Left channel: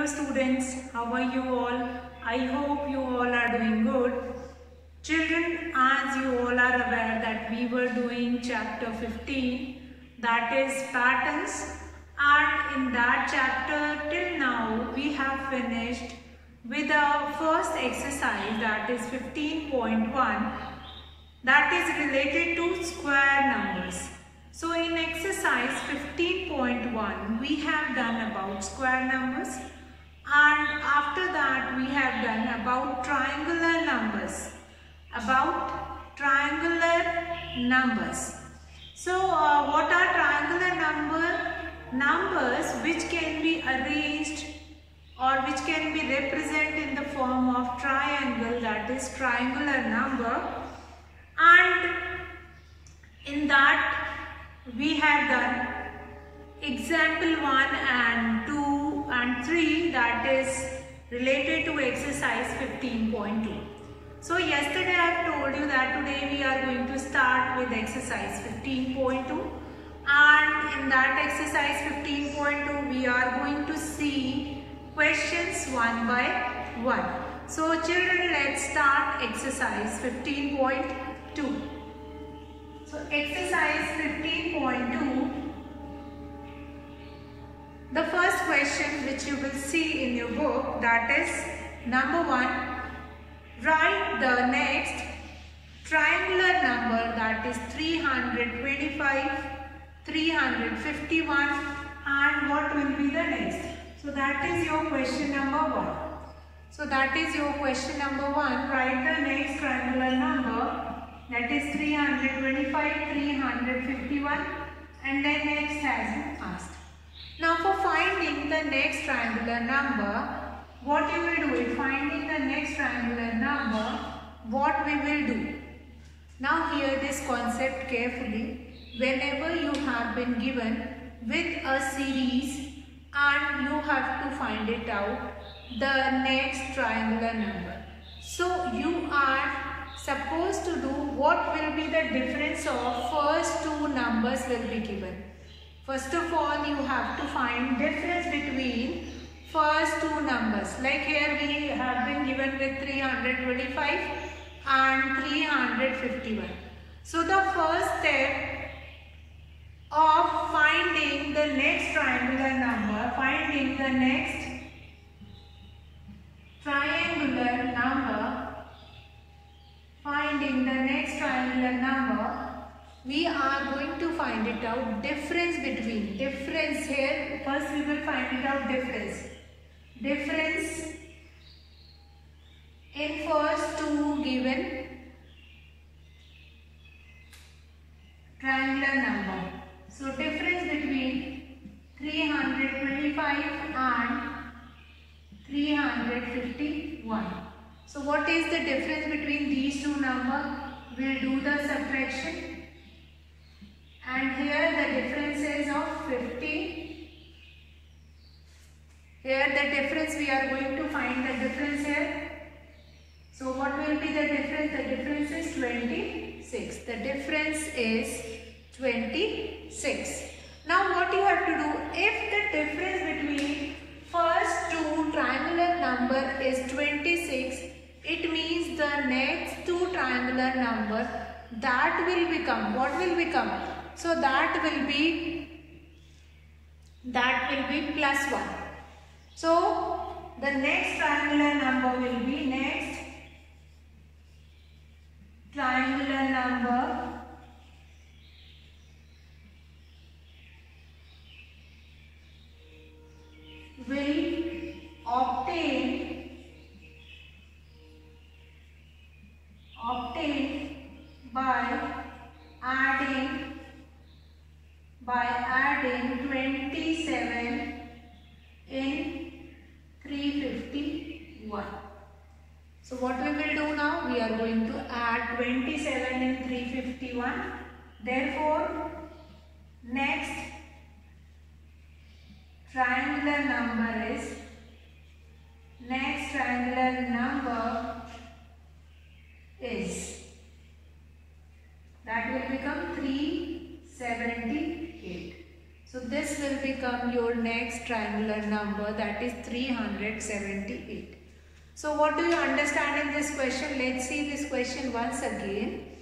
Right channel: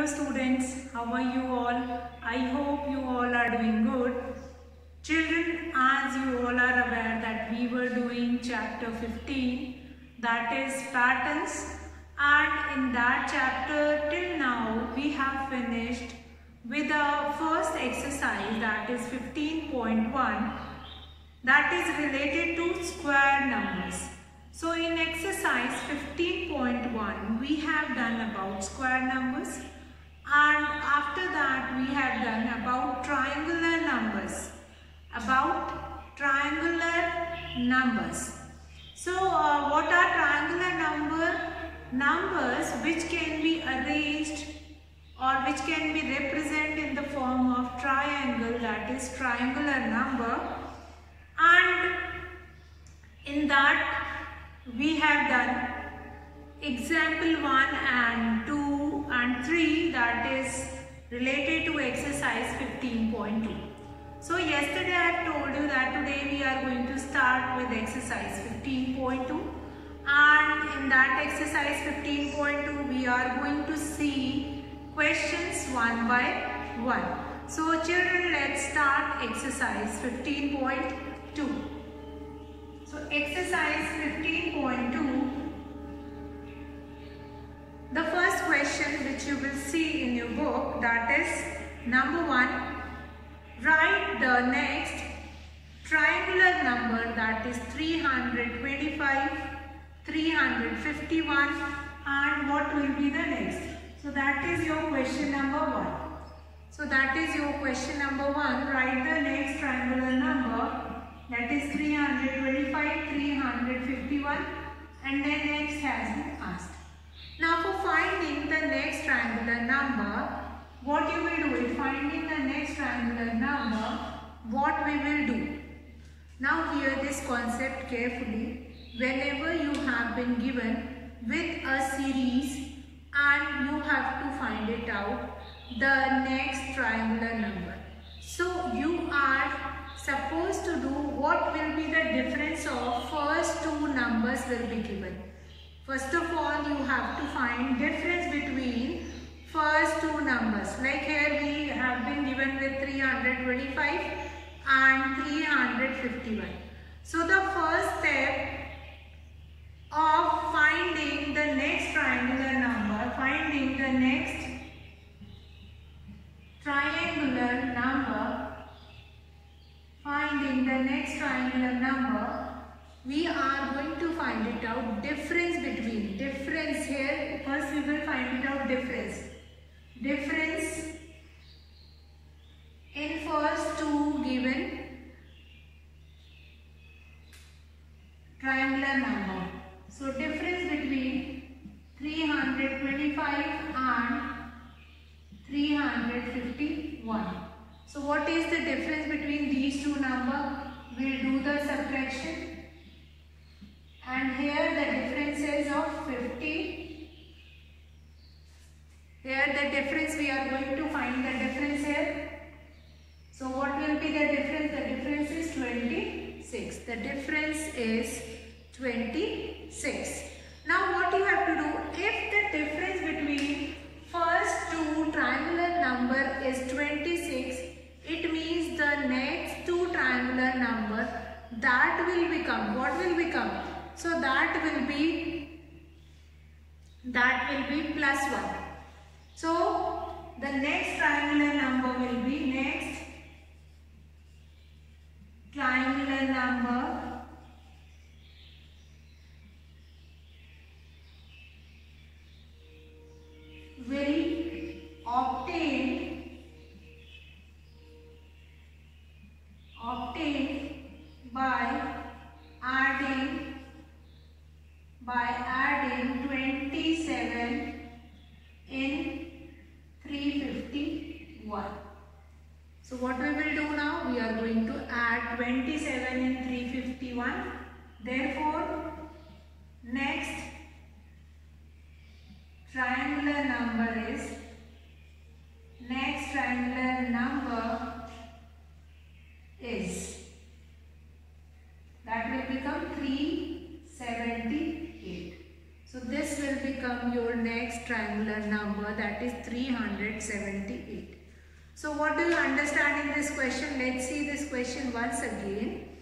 Hello students, how are you all? I hope you all are doing good. Children, as you all are aware that we were doing chapter 15, that is patterns, and in that chapter till now we have finished with our first exercise, that is 15.1, that is related to square numbers. So in exercise 15.1 we have done about square numbers, and after that we have done about triangular numbers. So what are triangular numbers which can be arranged or which can be represented in the form of triangle, that is triangular number. And in that we have done example 1 and 2 and 3, that is related to exercise 15.2. So yesterday I have told you that today we are going to start with exercise 15.2, and in that exercise 15.2 we are going to see questions one by one. So children, let's start exercise 15.2. So exercise 15.2, the first question which you will see in your book, that is number 1, write the next triangular number, that is 325, 351, and what will be the next. So that is your question number 1. So that is your question number 1, write the next triangular number, that is 325, 351, and then next has been asked. Now for finding the next triangular number, what you will do in finding the next triangular number, what we will do. Now hear this concept carefully. Whenever you have been given with a series and you have to find it out, the next triangular number. So you are supposed to do what will be the difference of first two numbers will be given. First of all, you have to find difference between first two numbers. Like here we have been given with 325 and 351. So the first step of finding the next triangular number, we are going to find it out difference here. First we will find it out difference in first two given triangular number. So difference between 325 and 351. So what is the difference between these two numbers? We'll do the subtraction. And here the difference is of 50. Here the difference, we are going to find the difference here. So what will be the difference? The difference is 26. The difference is 26. Now what you have to do, if the difference between first two triangular number is 26, it means the next two triangular number, that will become, what will become? So that will be plus 1. So the next triangular number will be will obtain by adding 27 in 351. So what we will do now? We are going to add 27 in 351. Therefore, next triangular number is that will become 378. So this will become become your next triangular number, that is 378. So what do you understand in this question? Let's see this question once again.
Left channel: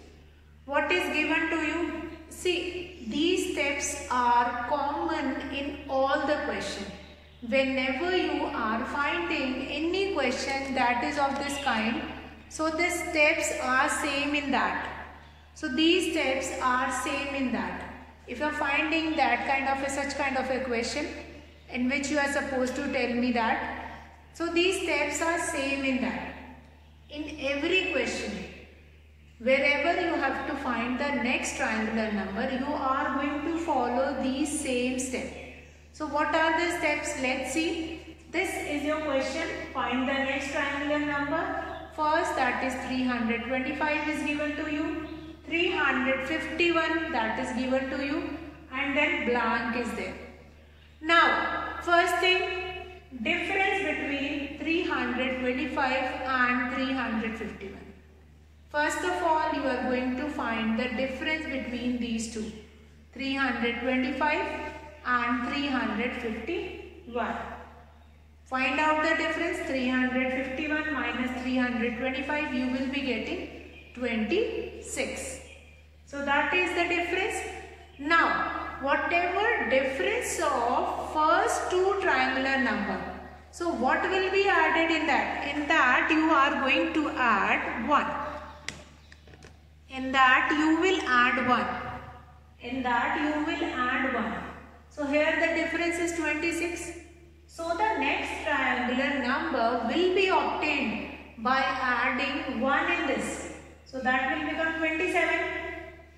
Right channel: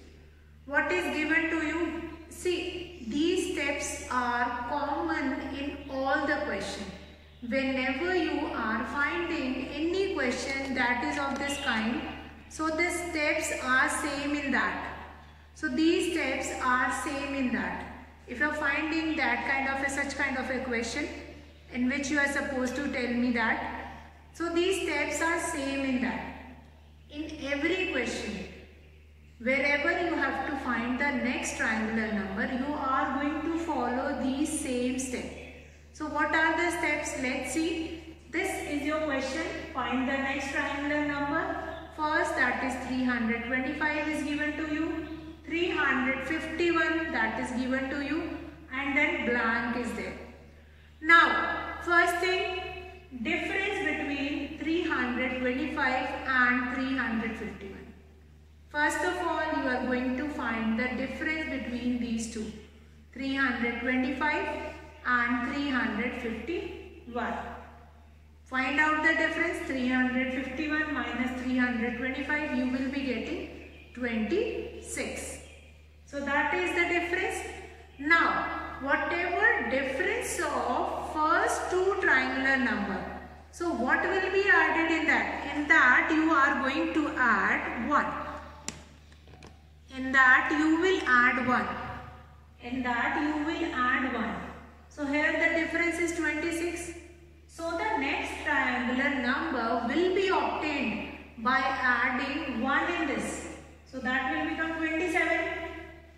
What is given to you? See, these steps are common in all the questions. Whenever you are finding any question that is of this kind, so the steps are same in that. So these steps are same in that. If you are finding that kind of such kind of a question in which you are supposed to tell me that, so these steps are same in that. In every question, wherever you have to find the next triangular number, you are going to follow these same steps. So what are the steps? Let's see. This is your question. Find the next triangular number. First, that is 325 is given to you. 351 that is given to you. And then blank is there. Now, first thing, difference between 325 and 351. First of all, you are going to find the difference between these two. 325 and 351. Find out the difference. 351 minus 325, you will be getting 26. So that is the difference. Now, whatever difference of first two triangular number, so what will be added in that? In that you are going to add 1. In that you will add 1. In that you will add 1. So here the difference is 26. So the next triangular number will be obtained by adding 1 in this. So that will become 27.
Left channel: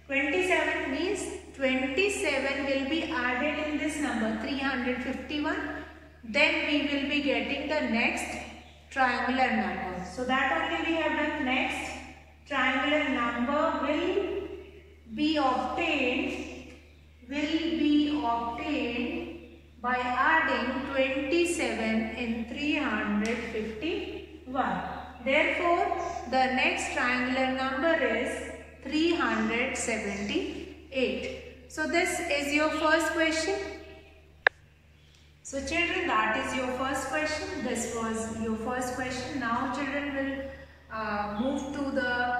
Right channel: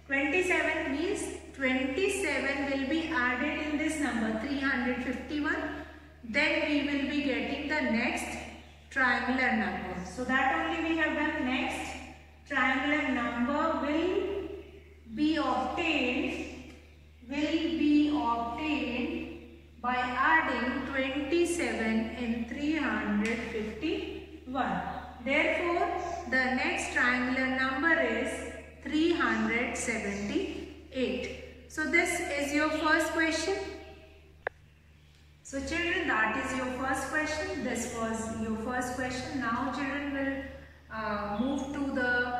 27 means 27 will be added in this number 351. Then we will be getting the next triangular number. So that only we have done. Next triangular number will be obtained by adding 27 in 351. Therefore, the next triangular number is 378. So this is your first question. So children, that is your first question. This was your first question. Now children will move to the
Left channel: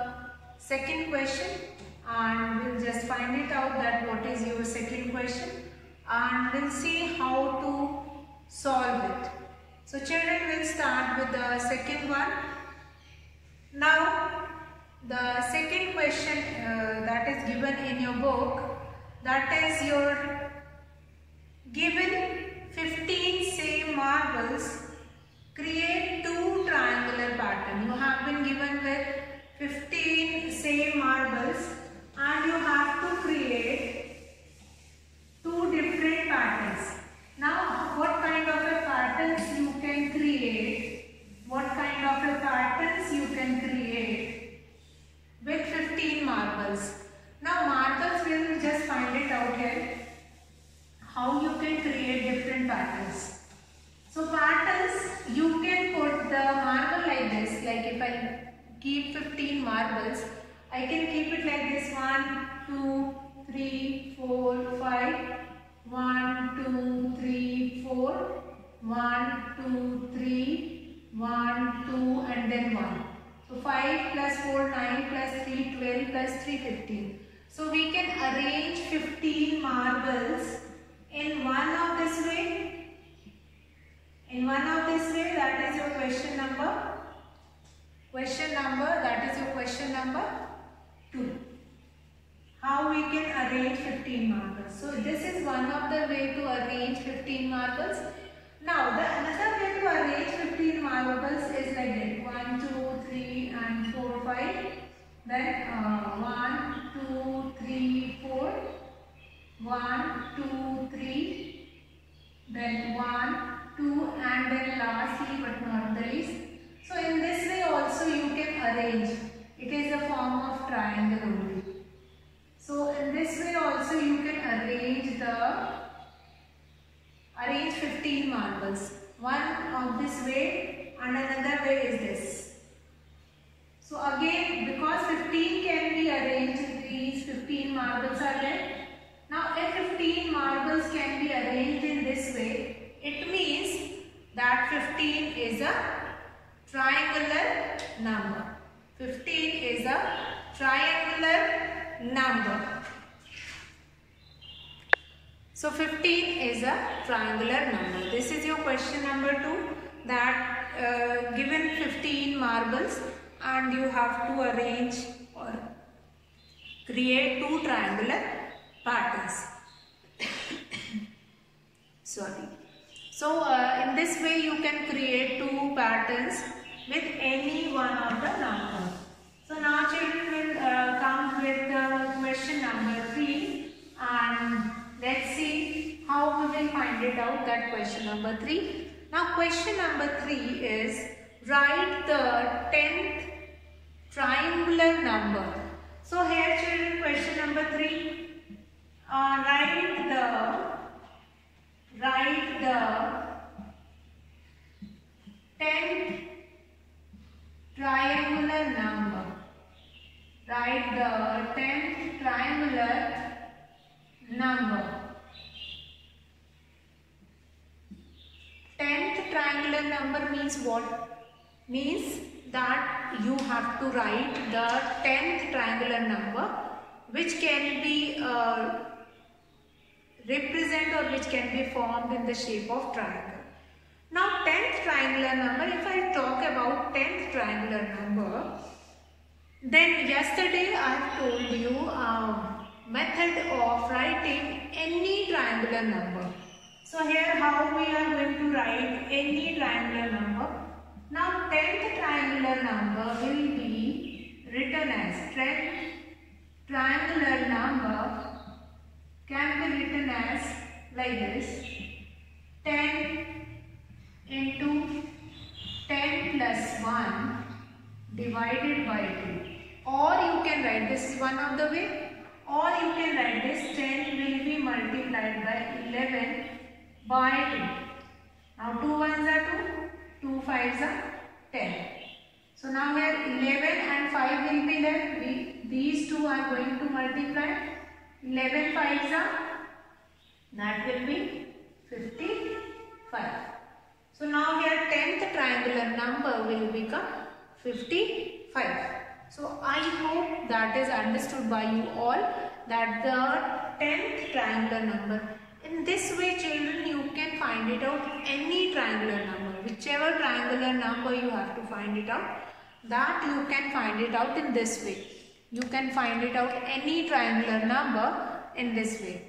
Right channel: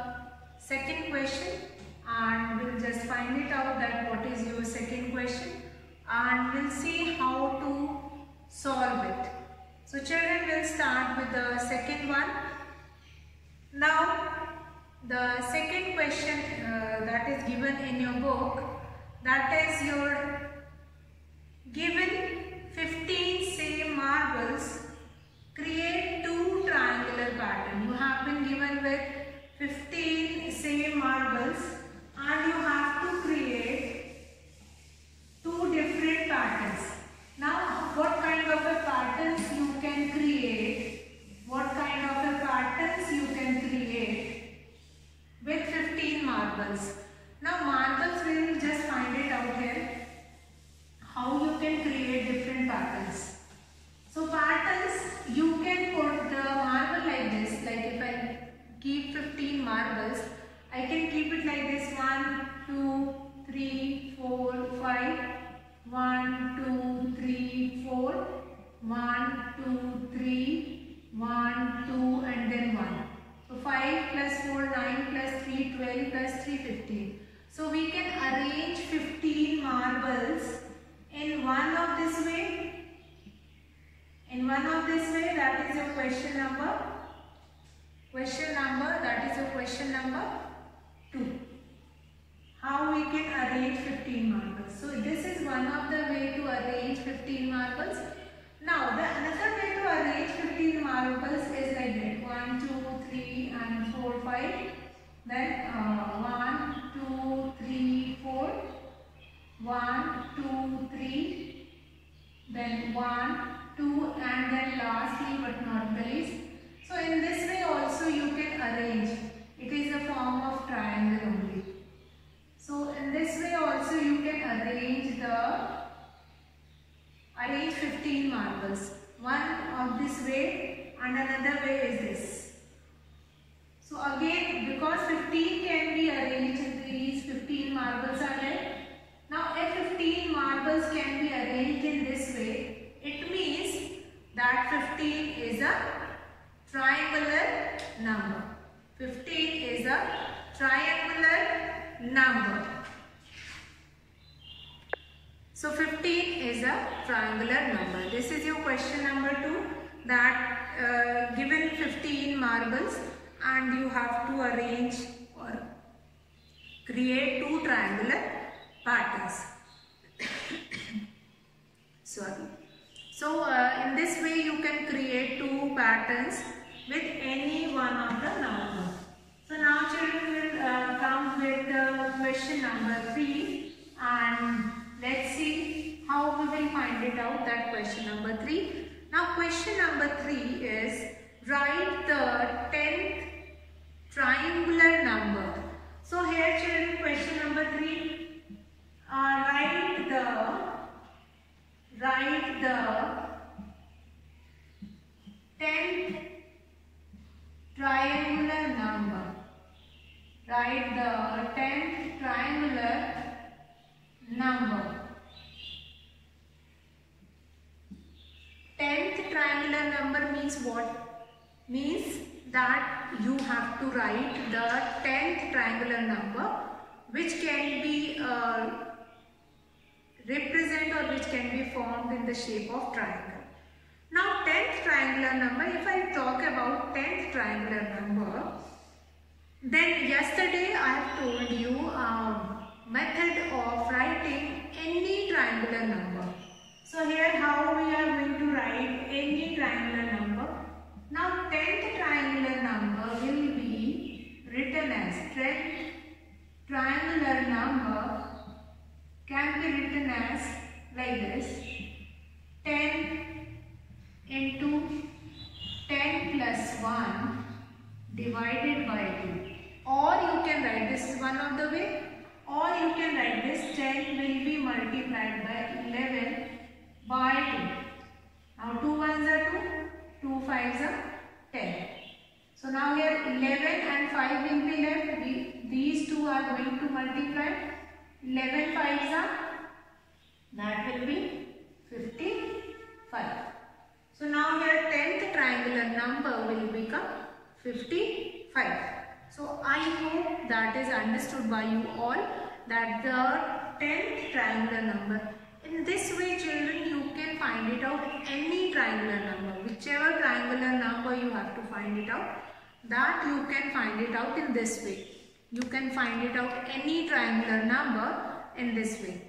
second question and we'll just find it out that what is your second question and we'll see how to solve it. So children, will start with the second one. Now the second question that is given in your book, that is your given 15 same marbles create two triangular pattern. You have been given with 15 same marbles and you have to create two different patterns. Now what kind of a patterns you can create? What kind of a patterns you can create with 15 marbles? Now marbles, we will just find it out here. How you can create different patterns. So patterns, you can put the marble like this. Like if I keep 15 marbles, I can keep it like this. 1, 2, 3, 4, 5. 1, 2, 3, 4. 1, 2, 3. 1, 2 and then 1. So 5 plus 4, 9 plus 3, 12 plus 3, 15. So we can arrange 15 marbles in one of this way. In one of this way, that is your question number. That is your question number 2. How we can arrange 15 marbles. So this is one of the way to arrange 15 marbles. Now the another way to arrange 15 marbles is like that. 1, 2, 3 and 4, 5. Then 1, 2, 3, 4. 1, 2, 3. Then 1, 2 and then lastly but not the least. So in this way also you can arrange. It is a form of triangle only. So in this way also you can arrange 15 marbles. One of this way and another way is this. So again, because 15 can be arranged, these 15 marbles are there. Now Now if 15 marbles can be arranged in this way, it means that 15 is a triangular number. 15 is a triangular number. So 15 is a triangular number. This is your question number 2, that given 15 marbles and you have to arrange or create 2 triangular patterns. Sorry. So in this way you can create 2 patterns with any one of the numbers. So now children will come with the question number 3, and let's see how we will find it out, that question number 3. Now question number 3 is write the 10th triangular number. So here children, question number 3, write the 10th triangular number. Write the 10th triangular number. 10th triangular number means what? Means that you have to write the 10th triangular number which can be represent or which can be formed in the shape of triangle. Now 10th triangular number, if I talk about 10th triangular number, then yesterday I have told you method of writing any triangular number. So here how we are going to write any triangular number. Now 10th triangular number will be written as 10th triangular number can be written as like this: 10 into 10 plus 1 divided by 2. Or you can write, this is one of the way, or you can write this: 10 will be multiplied by 11 by 2. Now 2 ones are 2, 2 fives are 10. So now here 11 and 5 will be left. These two are going to multiply. 11 fives are, that will be 55. So now here 10th triangular number will become 55. So I hope that is understood by you all, that the 10th triangular number. In this way children, you can find it out any triangular number. Whichever triangular number you have to find it out, that you can find it out in this way. You can find it out any triangular number in this way.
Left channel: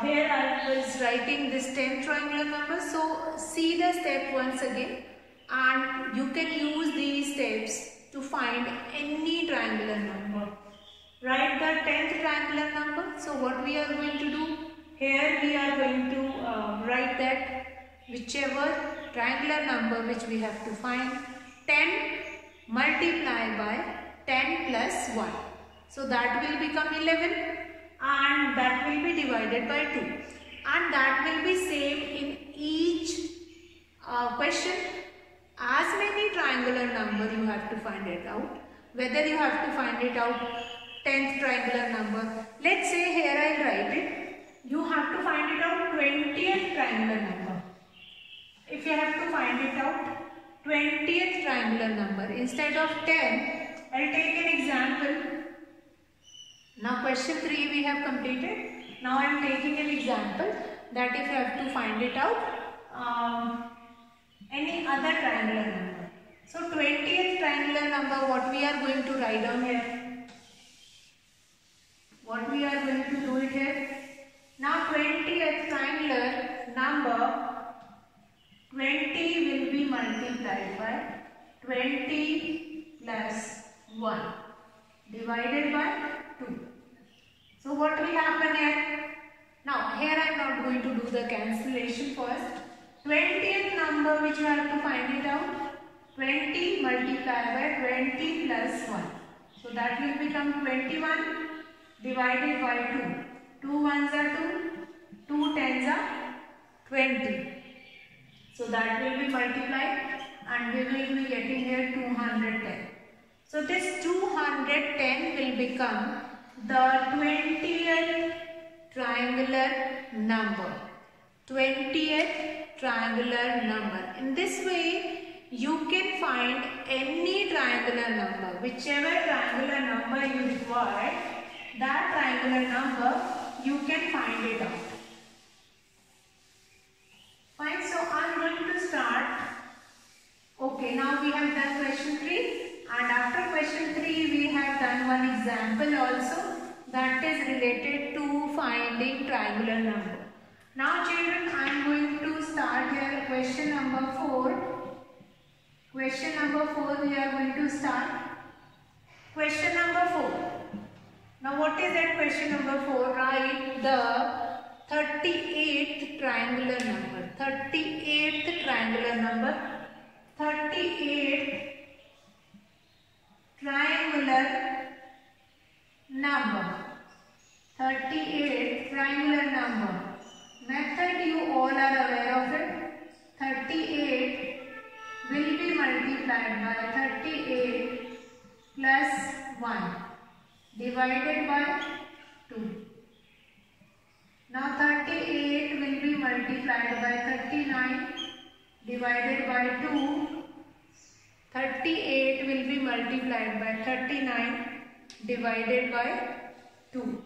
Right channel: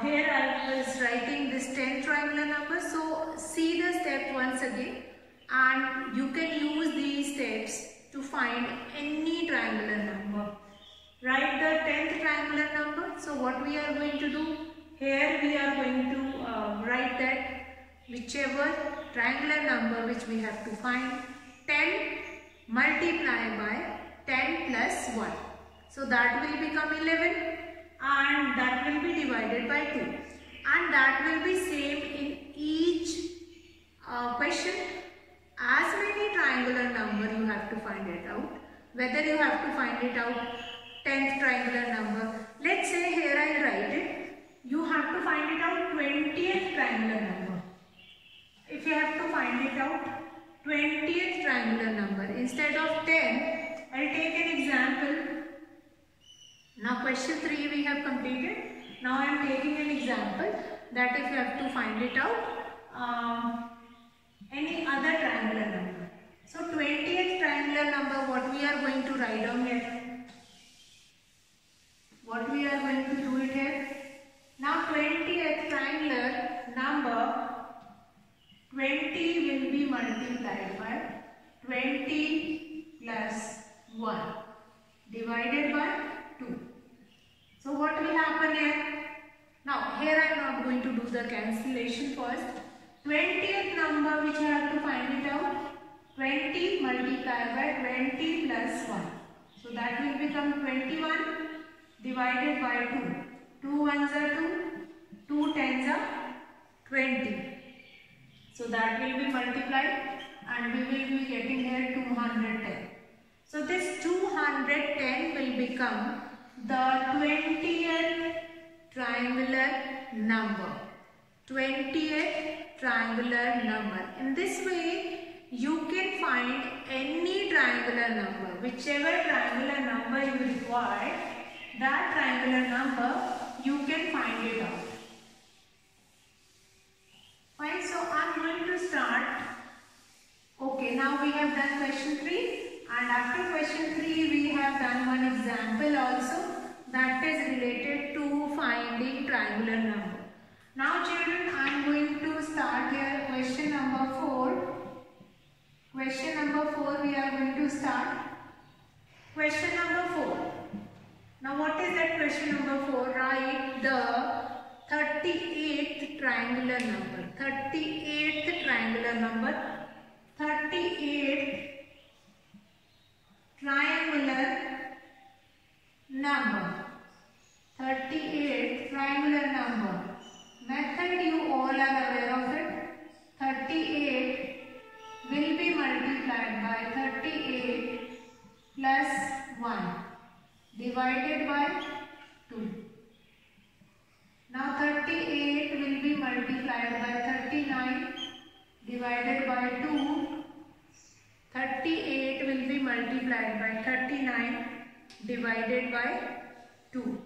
Here I was writing this 10 triangular number. So see the step once again, and you can use these steps to find any triangular number. Write the 10th triangular number. So what we are going to do, here we are going to write that whichever triangular number which we have to find, 10 multiply by 10 plus 1. So that will become 11, and that will be divided by 2. And that will be same in each question. As many triangular number you have to find it out. Whether you have to find it out 10th triangular number. Let's say here I will write it. You have to find it out 20th triangular number. If you have to find it out 20th triangular number, instead of 10, I will take an example. Now question 3 we have completed. Now I am taking an example that if you have to find it out any other triangular number. So 20th triangular number, what we are going to write down here? What we are going to do it here? Now 20th triangular number, 20 will be multiplied by 20 plus 1 divided by 2. So what will happen here? Now here I am not going to do the cancellation first. 20th number which you have to find it out, 20 multiplied by 20 plus 1. So that will become 21 divided by 2. 2 ones are 2, 2 tens are 20. So that will be multiplied, and we will be getting here 210. So this 210 will become the 20th triangular number. 20th triangular number. In this way, you can find any triangular number. Whichever triangular number you require, that triangular number you can find it out. Fine, so I am going to start. Okay, now we have done question 3, and after question 3 we have done one example also, that is related to finding triangular number. Now children, I am going to start here question number 4. Question number 4 we are going to start. Question number 4. Now what is that question number 4? Write the 38th triangular number. 38th triangular number. 38th triangular number. 38th triangular number. Method you all are aware of it. 38 will be multiplied by 38 plus 1 divided by 2. Now 38 will be multiplied by 39 divided by 2. 38 will be multiplied by 39 divided by 2.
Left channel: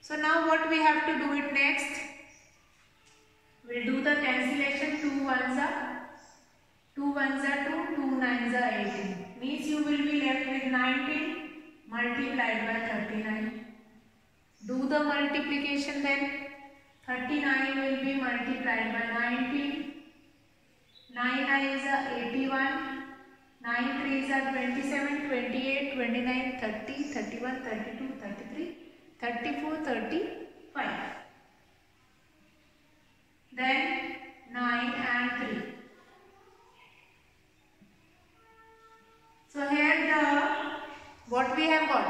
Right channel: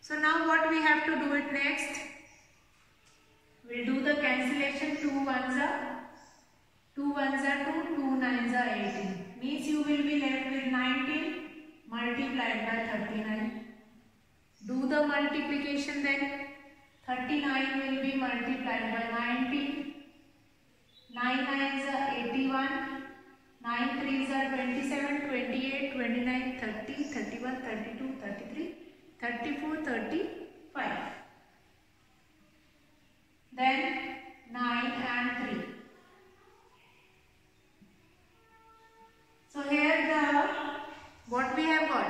So now what we have to do it next? We'll do the cancellation. 2 ones are 2 ones are 2, 2 nines are 18. Means you will be left with 19 multiplied by 39. Do the multiplication then. 39 will be multiplied by 19. 9 nines are 81. 9 threes are 27, 28, 29, 30, 31, 32, 33, 34, 35. Then 9 and 3. So here what we have got.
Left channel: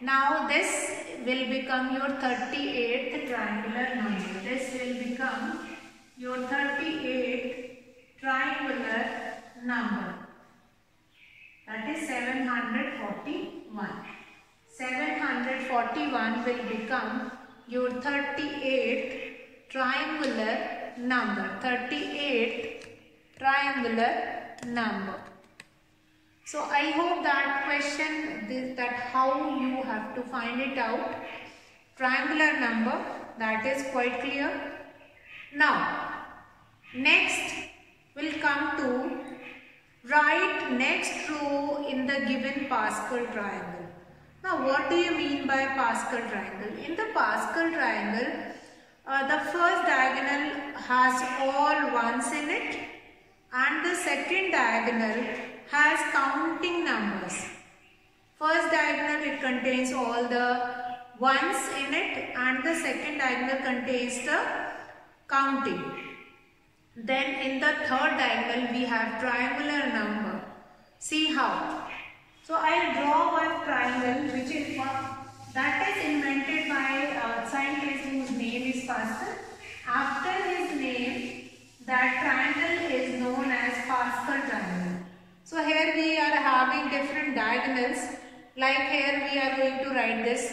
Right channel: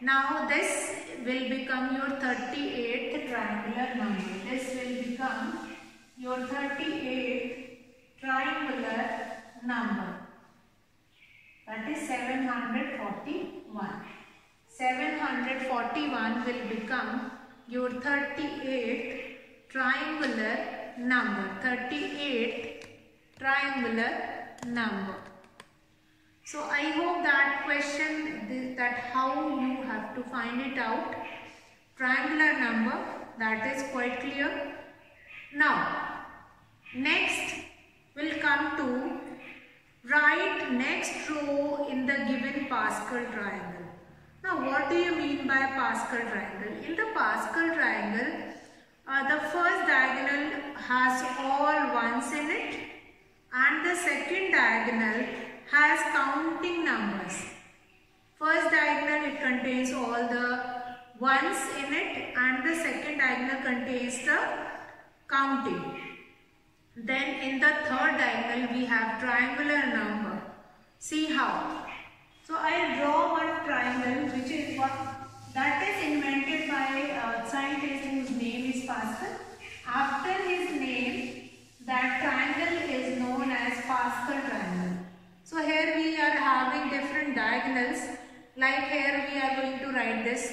Now this will become your 38th triangular number. This will become your 38th triangular number. That is 741. 741 will become your 38th triangular number. 38th triangular number. So I hope that question, that how you have to find it out, triangular number, that is quite clear. Now next will come to write next row in the given Pascal triangle. Now what do you mean by Pascal triangle? In the Pascal triangle, the first diagonal has all ones in it, and the second diagonal has counting numbers. First diagonal, it contains all the ones in it, and the second diagonal contains the counting. Then in the third diagonal we have triangular number. See how. So I'll draw one triangle which is what that is invented by a scientist whose name is Pascal. After his name, that triangle is known as Pascal triangle. So here we are having different diagonals. Like here we are going to write this.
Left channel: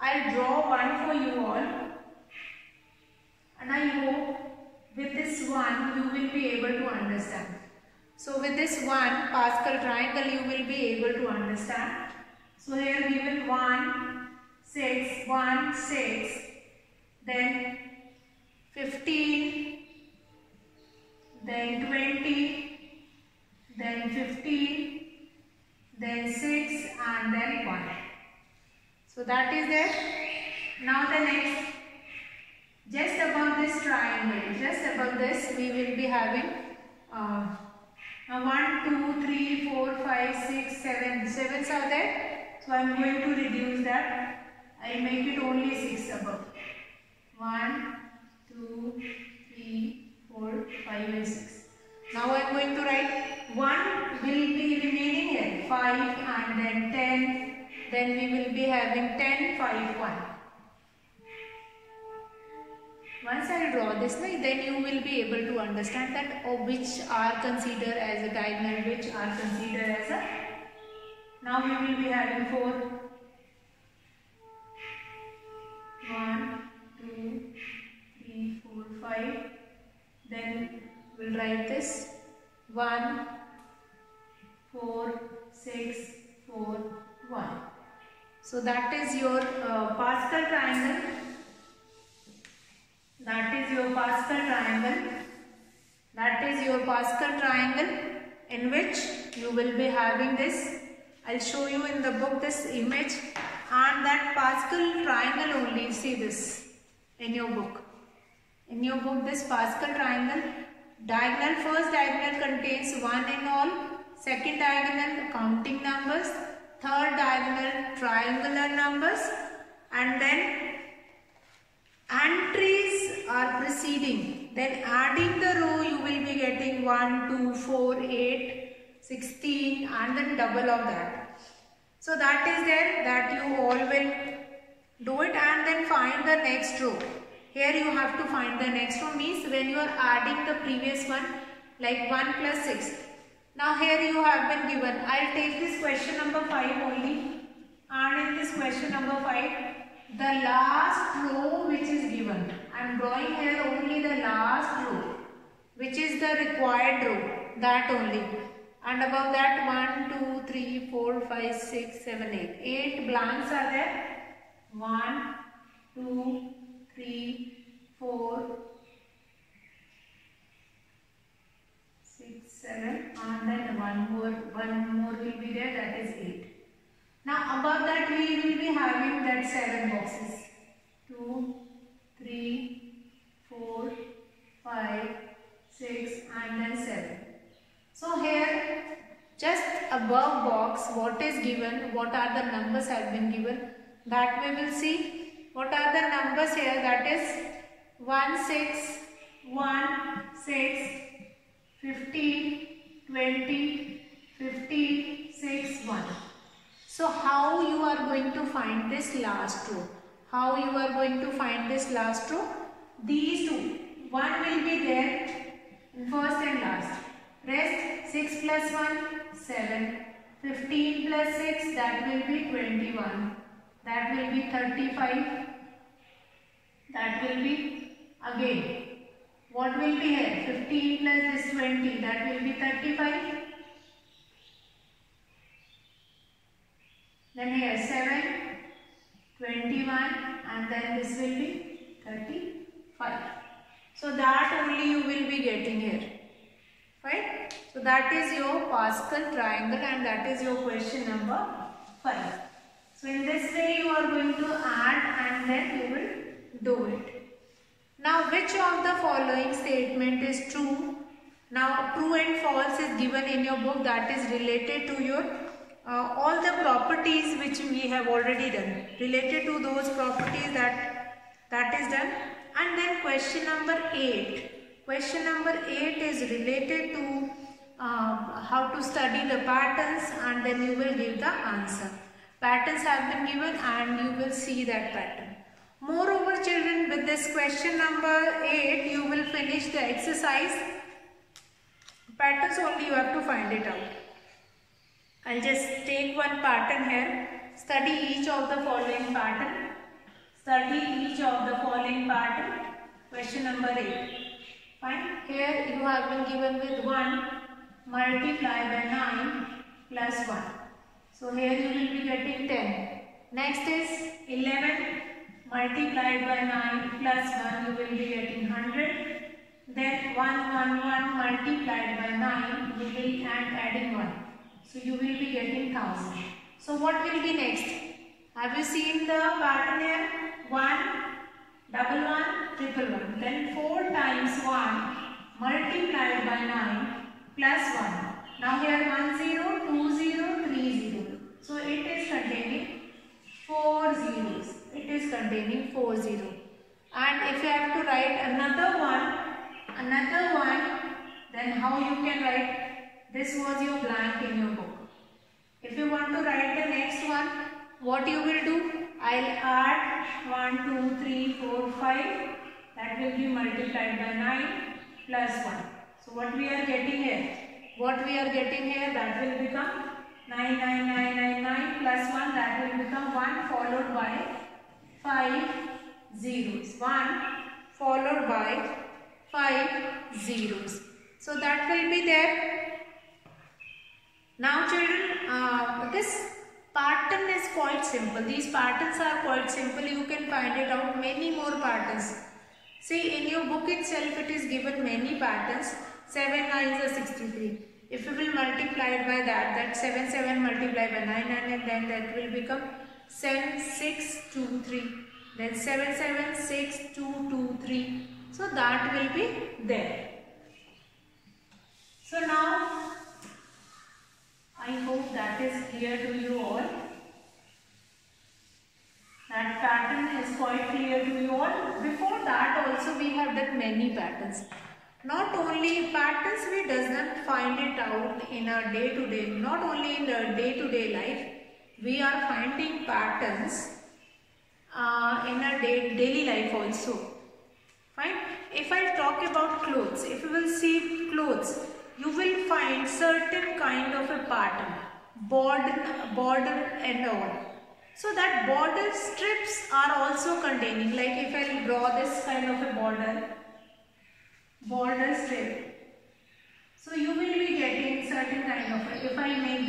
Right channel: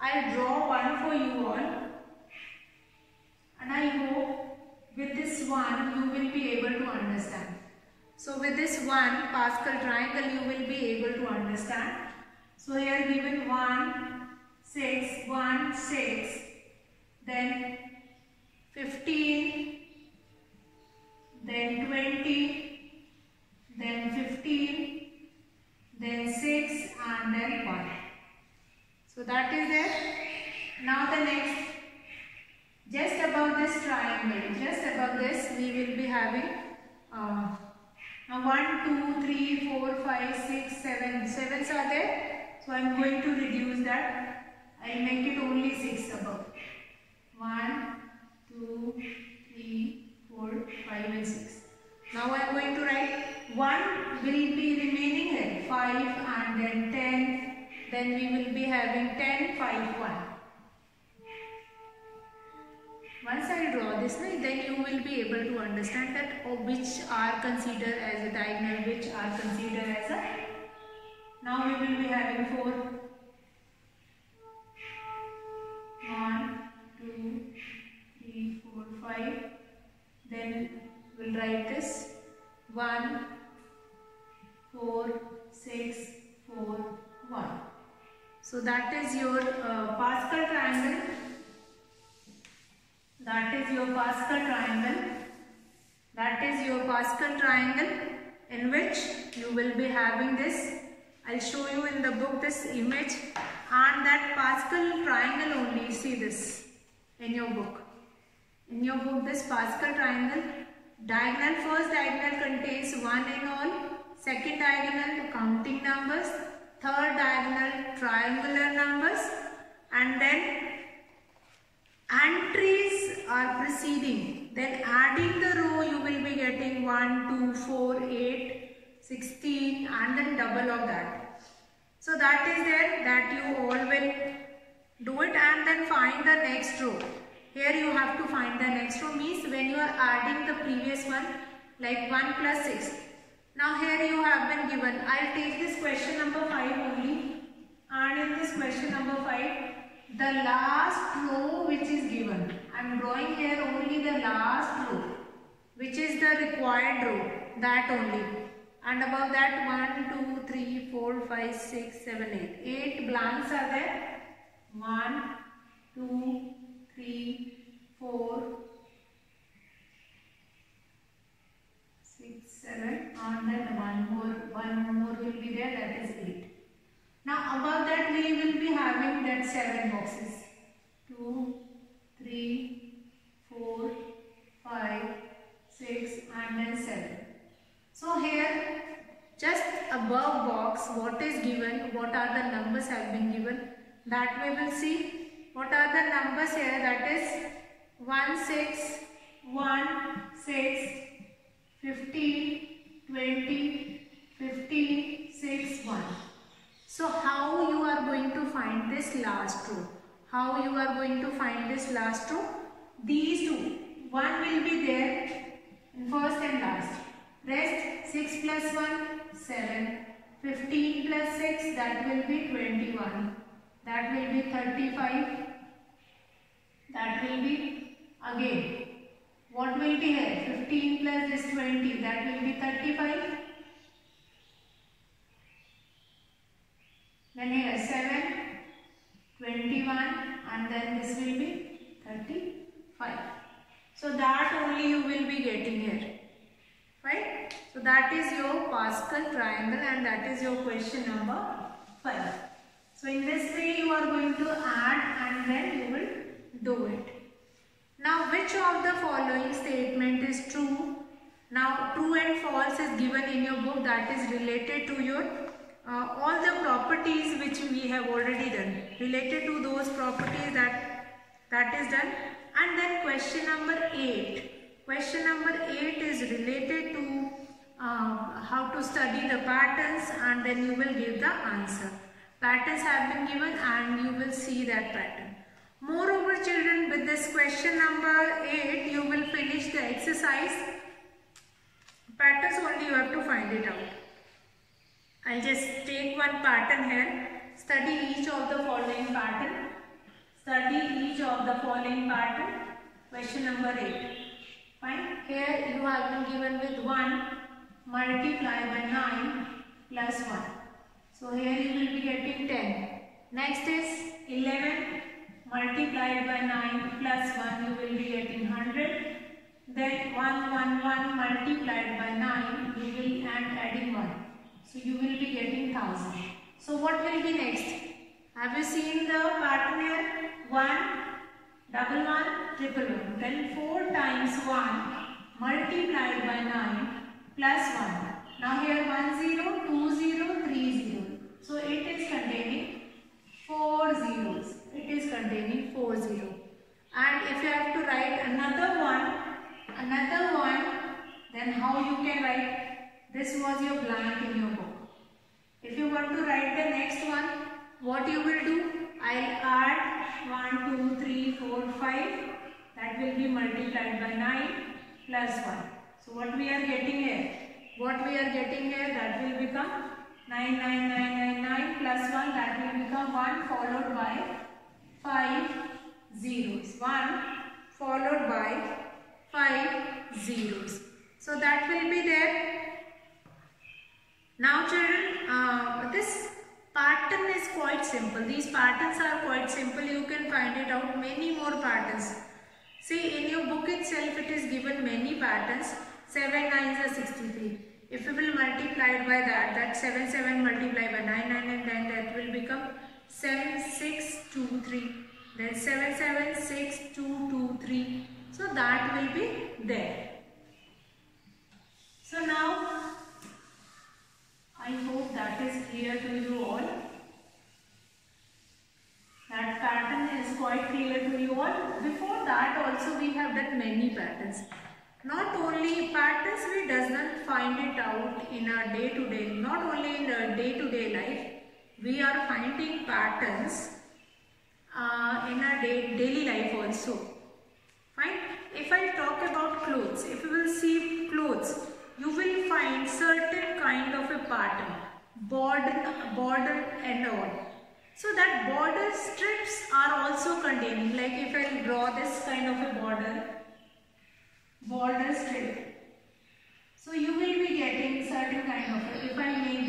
I'll draw one for you all, and I hope with this one you will be able to understand. So with this one Pascal triangle you will be able to understand. So here given 1, 6, 1, 6, then 15, then 20, then 15, then 6 and then 1. So that is there. Now the next, just above this triangle, just above this we will be having 1, 2, 3, 4, 5, 6, 7. 7s are there. So I am going to reduce that. I will make it only 6 above. 1, 2, 3, 4, 5 and 6. Now I am going to write 1 will be remaining here. 5 and then 10. Then we will be having 10, 5, 1. Once I draw this, then you will be able to understand that which are considered as a diagonal, which are considered as a. Now we will be having 4. 1, 2, 3, 4, 5. Then we'll write this 1, 4, 6, 4, 1. So that is your Pascal triangle. That is your Pascal triangle. That is your Pascal triangle in which you will be having this. I'll show you in the book this image, and that Pascal triangle only. See this in your book. In your book, this Pascal triangle, diagonal, first diagonal contains 1 and all, second diagonal counting numbers, third diagonal triangular numbers, and then entries are preceding. Then adding the row, you will be getting 1, 2, 4, 8, 16, and then double of that. So that is there, that you all will do it, and then find the next row. Here you have to find the next row, means when you are adding the previous one, like 1 plus 6. Now here you have been given, I'll take this question number 5 only, and in this question number 5, the last row which is given. I am drawing here only the last row, which is the required row, that only. And above that 1, 2, 3, 4, 5, 6, 7, 8. 8 blanks are there. 1, 2, 3, 4, 6, 7, and then one more will be there, that is 8. Now above that we will be having that 7 boxes. 2, 3, 4, 5, 6, and then 7. So here just above box what is given, what are the numbers have been given, that we will see. What are the numbers here? That is 1, 6, 1, 6, 15, 20, 15, 6, 1. So how you are going to find this last row? How you are going to find this last row? These two. One will be there in first and last. Rest 6 plus 1, 7. 15 plus 6, that will be 21. That will be 35. That will be again. What will be here? 15 plus this 20, that will be 35. Then here 7, 21, and then this will be 35. So that only you will be getting here. Right? So that is your Pascal triangle, and that is your question number 5. So in this way you are going to add, and then you will do it. Now which of the following statement is true? Now true and false is given in your book, that is related to your all the properties which we have already done. Related to those properties that is done. And then question number 8. Question number 8 is related to how to study the patterns, and then you will give the answer. Patterns have been given and you will see that pattern. Moreover children, with this question number 8 you will finish the exercise. Patterns only you have to find it out. I'll just take one pattern here. Study each of the following pattern. Study each of the following pattern. Question number 8. Fine. Here you have been given with 1 multiplied by 9 plus 1. So here you will be getting 10. Next is 11 multiplied by 9 plus 1, you will be getting 100. Then 1 multiplied by 9, you will adding 1. So you will be getting 1000. So what will be next? Have you seen the pattern here? 1, double 1, triple 1. Then 4 times 1 multiplied by 9 plus 1. Now here 1 0, 2 0, 3 0. So it is containing 4 zeros. It is containing 4 0. And if you have to write another one, then how you can write? This was your blank in your book. If you want to write the next one, what you will do? I'll add 1, 2, 3, 4, 5. That will be multiplied by 9 plus 1. So what we are getting here? What we are getting here, that will become 9 plus 1, that will become 1 followed by 5 zeros. 1 followed by 5 zeros. So that will be there. Now children, this pattern is quite simple. These patterns are quite simple. You can find it out many more patterns. See, in your book itself it is given many patterns. 7 9s are 63. If you will multiply it by that 7 7 multiplied by 9 9, and then that will become 7 6 2 3. Then 7 7 6 2 2 3. So that will be there. So now I hope that is clear to you all. That pattern is quite clear to you all. Before that also we have done many patterns. Not only patterns we does not find it out in a day-to-day, not only in the day-to-day life, we are finding patterns in our daily life also. Fine. If I talk about clothes, if you will see clothes, you will find certain kind of a pattern, border and all. So that border strips are also containing, like if I will draw this kind of a border strip. So you will be getting certain kind of, if I make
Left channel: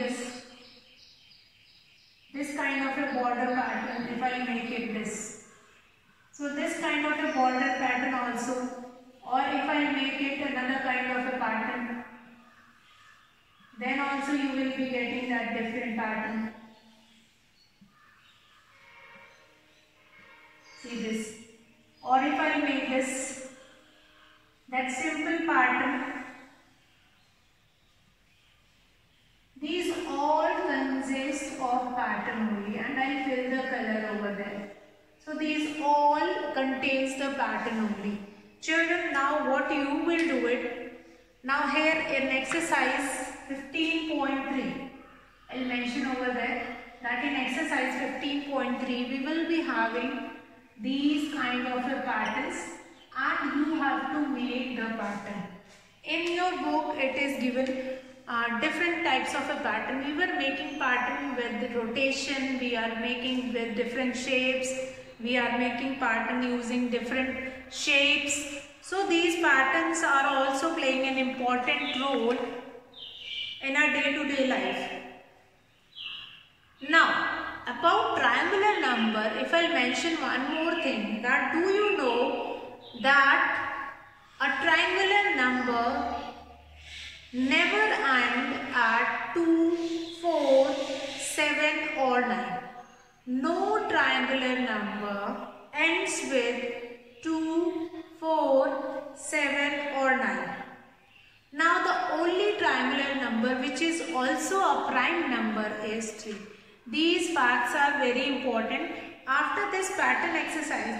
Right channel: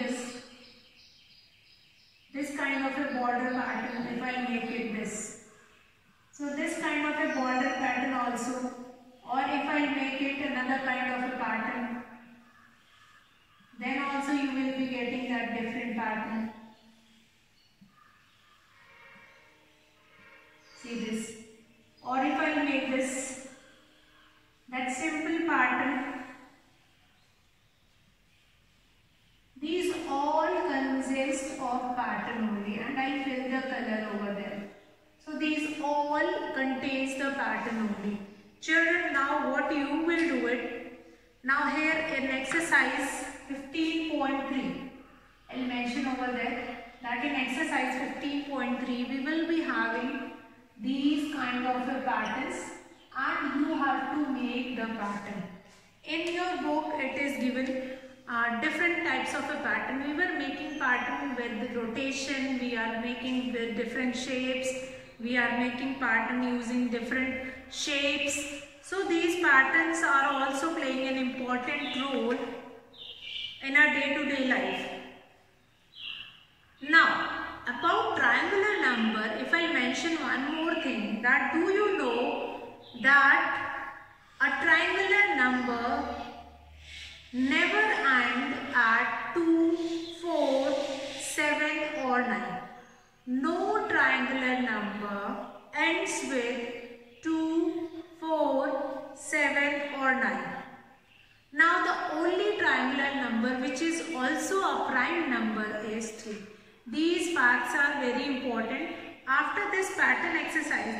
this kind of a border pattern, if I make it this. So this kind of a border pattern also, or if I make it another kind of a pattern, then also you will be getting that different pattern. See this. Or if I make this, that simple pattern, these all consist of pattern only, and I fill the color over there. So these all contains the pattern only. Children, now what you will do it, now here in exercise 15.3, I will mention over there that in exercise 15.3 we will be having these kind of a patterns, and you have to make the pattern. In your book it is given different types of a pattern. We were making pattern with the rotation, we are making with different shapes, we are making pattern using different shapes. So these patterns are also playing an important role in our day-to-day life. Now, about triangular number, if I mention one more thing, that do you know that a triangular number never end at 2, 4, 7 or 9. No triangular number ends with 2, 4, 7 or 9. Now the only triangular number which is also a prime number is 3. These facts are very important. After this pattern exercise,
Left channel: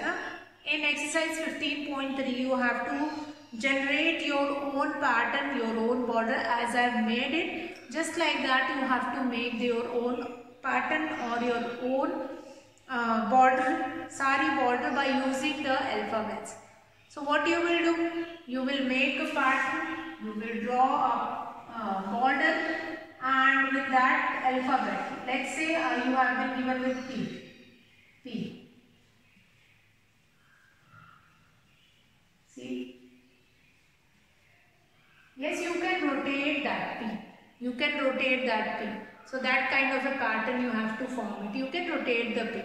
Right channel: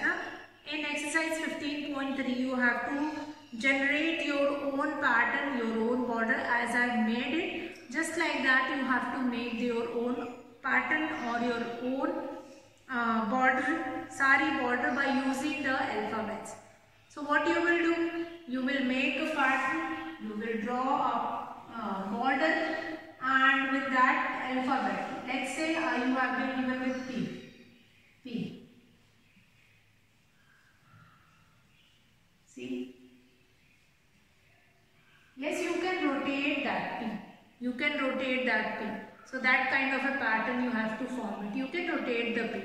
in exercise 15.3 you have to generate your own pattern, your own border as I have made it. Just like that you have to make your own pattern or your own sari border by using the alphabets. So what you will do? You will make a pattern, you will draw a border, and with that alphabet, let's say you have been given with P. See? Yes, you can rotate that P. You can rotate that P. So that kind of a pattern you have to form it. You can rotate the P.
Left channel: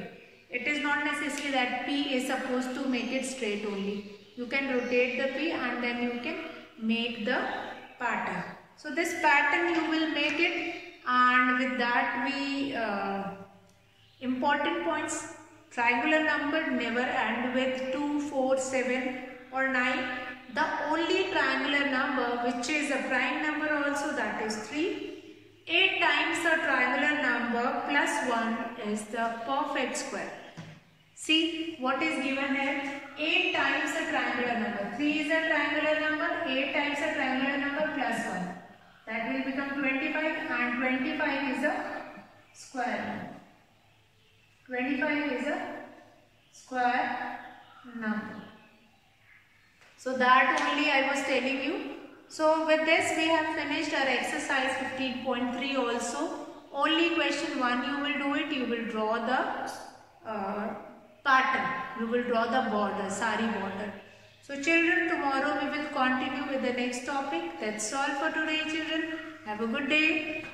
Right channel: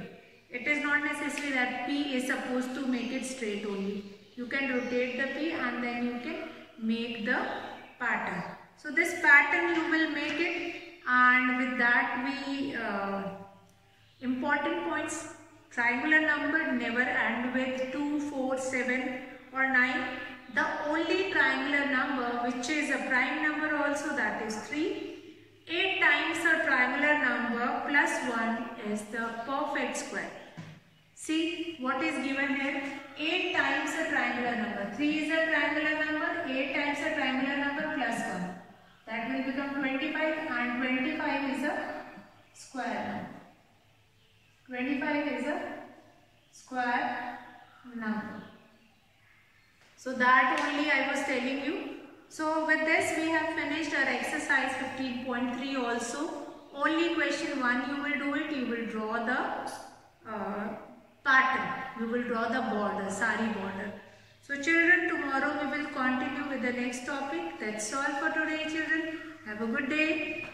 It is not necessary that P is supposed to make it straight only. You can rotate the P and then you can make the pattern. So this pattern you will make it, and with that we important points. Triangular number never end with 2, 4, 7 or 9. The only triangular number which is a prime number also, that is 3. 8 times the triangular number plus 1 is the perfect square. See what is given here. 8 times the triangular number. 3 is a triangular number. 8 times the triangular number plus 1. That will become 25, and 25 is a square number. 25 is a square number. So that only I was telling you. So with this we have finished our exercise 15.3 also. Only question 1 you will do it. You will draw the pattern. We will draw the border, sari border. So children, tomorrow we will continue with the next topic. That's all for today, children. Have a good day.